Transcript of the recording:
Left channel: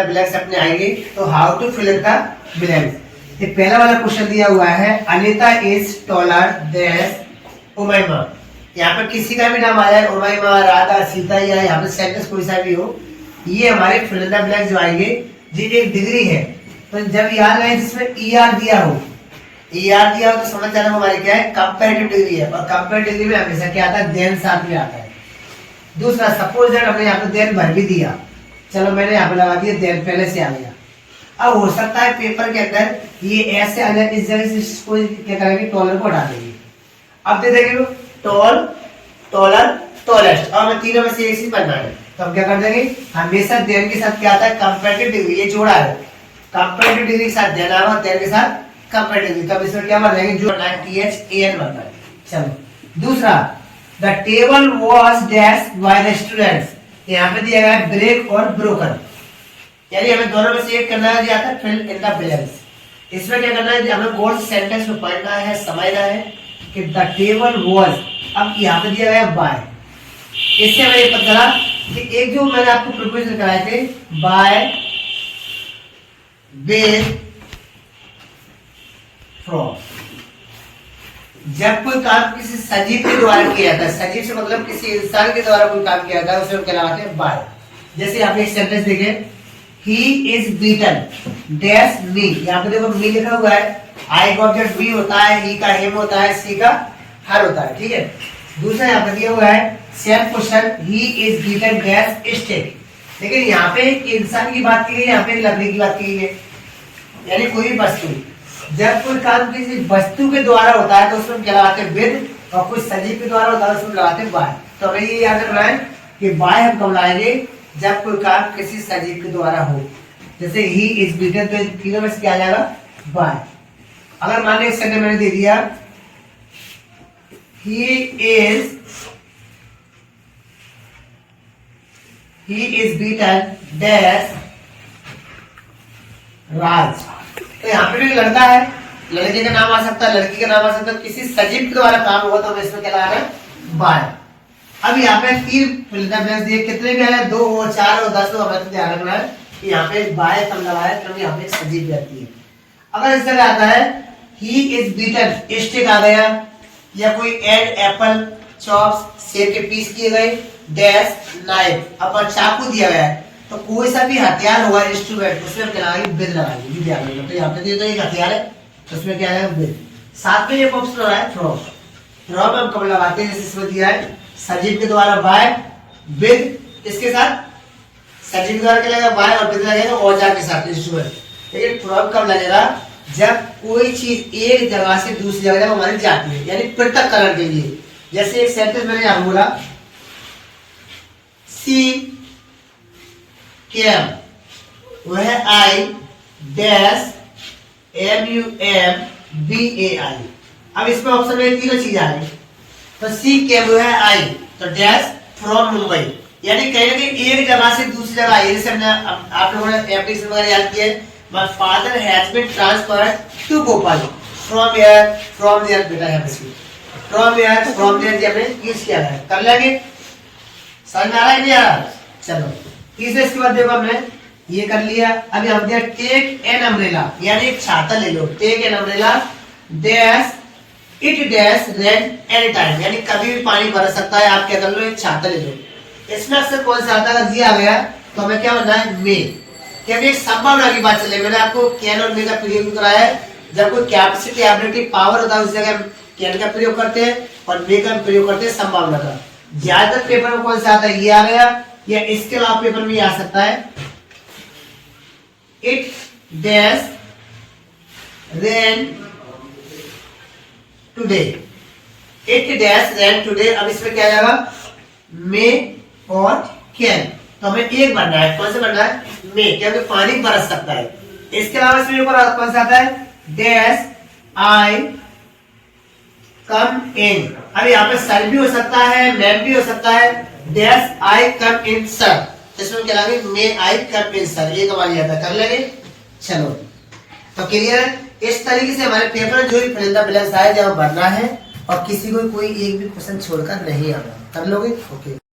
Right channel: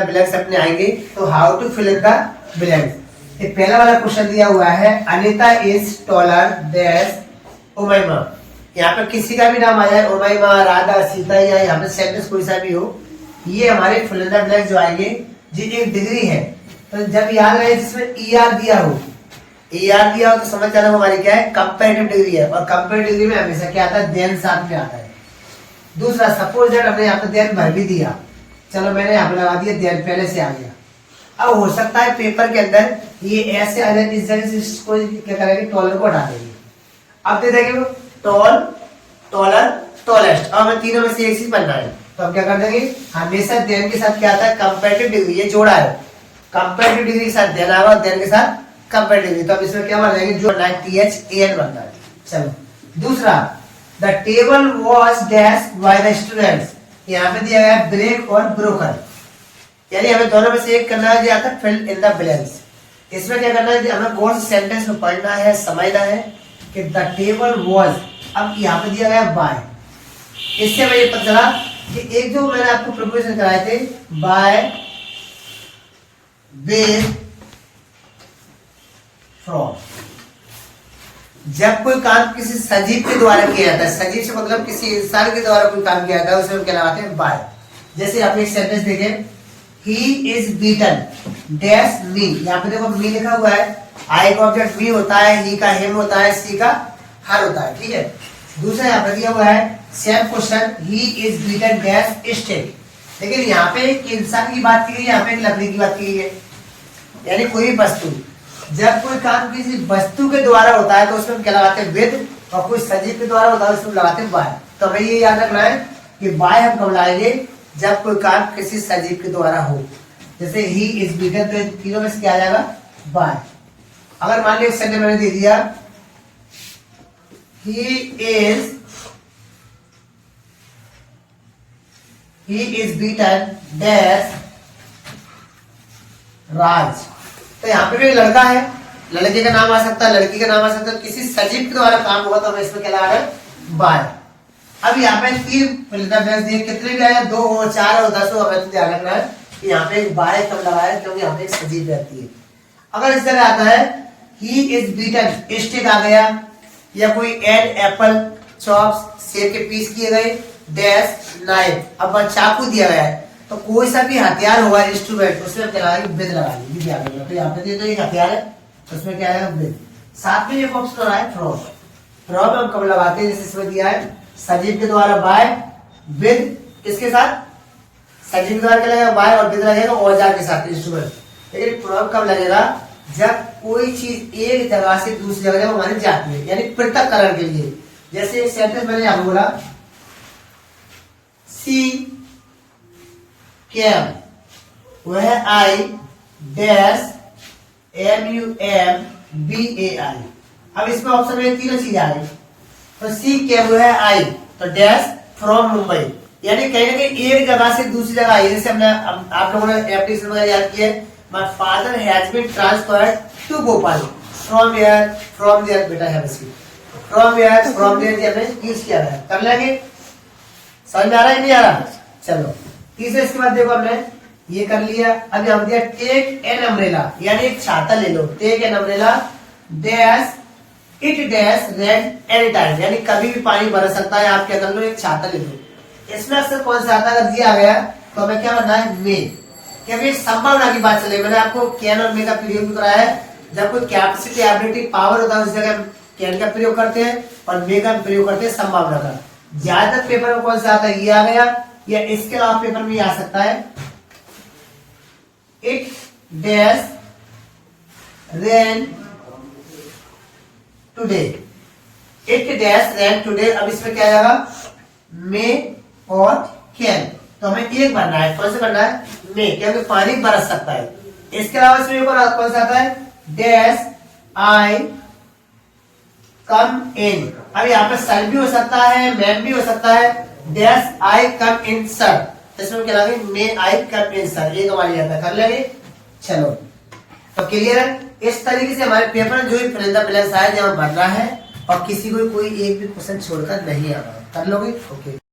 Blanks अपने आएंगे। तो how to fill in the blanks. ये पहला वाला क्वेश्चन दिया हुआ है, Anita is taller than Umaima. यहाँ पे किसी का भी नाम आ जाए, उमैमा, राधा, सीता, या यहाँ पे सेंटेंस कोई सा भी हो, ये हमारे फिल इन द ब्लैंक्स जो आएंगे जी एक डिग्री है। तो जब याद रहे जिसमें ER दिया हो, ER दिया हो तो समझ जाना हमारी क्या है, कंपैरेटिव डिग्री है। और कंपैरेटिव डिग्री में हमेशा क्या आता है, देन साथ में आता है। दूसरा, सपोज दैट हमने यहाँ पे देन भर भी दिया, चलो मैंने यहाँ पे लगा दिया देन, पहले से आ गया। अब हो सकता है पेपर के अंदर ये ऐसे आ जाए, इस जगह से इसको क्या करेंगे, टॉलर को हटा देंगे। अब दे देंगे टॉल, टॉलर, टॉलेस्ट। और हमें तीनों में से एक चीज बनना है, तो हम क्या कर देंगे, हमेशा देन के साथ क्या आता है, कंपैरेटिव डिग्री। ये जोड़ा है, कंपैरेटिव डिग्री के साथ देन आ रहा है, देन के साथ कंपैरेटिव डिग्री। तब इसमें क्या बन जाएगी, जो THAN बनता है। चलो दूसरा, the table was dash by the students. यहाँ पे दिया गया है ब्रेक और ब्रोकन, यानी हमें दोनों में से एक करना है, जो आता है फिल इन द ब्लैंक्स। इसमें क्या करना है, हमें गौर से सेंटेंस को पढ़ना है, समझना है कि द टेबल वॉज। अब यहाँ पे दिया गया बाय, इससे हमें ये पता चला कि एक जो मैंने आपको प्रिपरेशन कराए थे, बाय, विद, फ्रॉम। जब कोई काम किसी सजीव के द्वारा किया जाता है, सजीव से मतलब किसी इंसान के द्वारा कोई काम किया जाता है, उसमें क्या लगाते हैं, बाय। जैसे आप एक सेंटेंस देखें, ही इज बीटन डैश मी। यहाँ पे देखो मी लिखा हुआ है, आई का ऑब्जेक्ट मी होता है, ही का हिम होता है, सी का हर होता है, ठीक है। दूसरा यहाँ पे दिया हुआ है same question, he is beaten dash stick. लेकिन यहाँ पे एक इंसान की बात की गई है, यहाँ पे एक लकड़ी की बात की गई है, यानी कोई भी वस्तु। जब कोई काम किसी वस्तु के द्वारा होता है तो उसमें क्या लगाते हैं, विद, और कोई सजीव के द्वारा होता है उसमें लगाते हैं बाय। तो हमें ये याद रखना है कि बाय हम कब लाएंगे, जब कोई काम किसी सजीव के द्वारा हो। जैसे ही इज बीटन, तो तीनों में से क्या आ जाएगा, बाय। अगर मान लो एक सेंटेंस मैंने दे दिया, ही इज बीटन डैश राज। तो यहाँ पे जो लड़का है, लड़के का नाम आ सकता है, लड़की का नाम आ सकता है, किसी सजीव के द्वारा काम हुआ तो हमें इसमें क्या लगा है, बाय। अब यहाँ पे तीन फिल इन द ब्लैंक्स दिए, कितने भी आया, 2 हो, 4 हो, 10 हो, हमें तो ध्यान रखना है कि यहाँ पे बाय कब लगा है, क्योंकि यहाँ पे सजीव रहती है। अगर इस तरह आता है, ही इज बीटन स्टिक आ गया, या कोई एड एप्पल चॉप्स, सेब के पीस किए गए, डैश नाइफ। अब चाकू दिया गया है, तो कोई सा भी हथियार होगा इंस्ट्रूमेंट, उसमें क्या लगाएंगे, विद लगाएंगे, ध्यान रखना। तो यहाँ पे तो एक हथियार है, तो उसमें क्या है, विद। साथ में एक ऑप्शन है फ्रॉम। फ्रॉम हम कब लगाते हैं, जैसे इसमें दिया है सजीव के द्वारा बाय, विद, इसके साथ सजीव के द्वारा क्या लगेगा, बाय, और विद लगेगा औजार के साथ, इंस्ट्रूमेंट। लेकिन फ्रॉम कब लगेगा, जब कोई चीज एक जगह से दूसरी जगह हमारी जाती है, यानी पृथक्करण के लिए। जैसे एक सेंटेंस मैंने यहाँ बोला, सी केम, वह आई डैश MUMBAI। अब इसमें ऑप्शन में तीनों चीज आ गई। तो सी केम, वह आई, तो डैश फ्रॉम मुंबई, यानी कहीं ना कहीं एक जगह से दूसरी जगह आई। जैसे हमने आप लोगों ने एप्लीकेशन वगैरह याद किए, my father has been transferred to Bhopal from here, from there. बेटा है बस, फ्रॉम हियर, फ्रॉम देयर हमने यूज किया है, कर लेंगे। समझ में आ रहा है, नहीं आ रहा? चलो तीसरे, इसके बाद देखो हमने ये कर लिया। अभी हम दिया टेक एन अम्ब्रेला, यानी एक छाता ले लो, take an umbrella dash it dash rain any time, यानी कभी भी पानी बरस सकता है, आप क्या कर लो, एक छाता ले लो। इसमें अक्सर कौन सा आता है, अगर दिया गया तो हमें क्या बनना है, मे, क्योंकि एक संभावना की बात चले। मैंने आपको कैन और मे का प्रयोग भी कराया है। जब कोई कैपेसिटी एबिलिटी पावर होता है उस जगह कैन का प्रयोग करते हैं, और मे का प्रयोग करते हैं संभावना का। ज्यादातर पेपर में कौन सा आता है, ये आ गया, या इसके अलावा पेपर में आ सकता है it dash rain today, it dash rain today. अब इसमें क्या जाएगा, मे और कैन। तो हमें एक बनना है, कौन से बनना है, मे, क्योंकि पानी बरस सकता है। इसके अलावा इसमें कौन सा आता है, डैश आई कम इन। अब यहाँ पे सर भी हो सकता है, मैम भी हो सकता है, dash I come in sir. इसमें क्या लगे, मे आई कम इन सर, एक हमारी आता कर लेंगे। चलो तो क्लियर है। इस तरीके से हमारे पेपर में जो भी फिल इन द ब्लैंक्स आए, जब भरना है, और किसी को कोई एक भी क्वेश्चन छोड़कर नहीं आना, कर लोगे, ओके।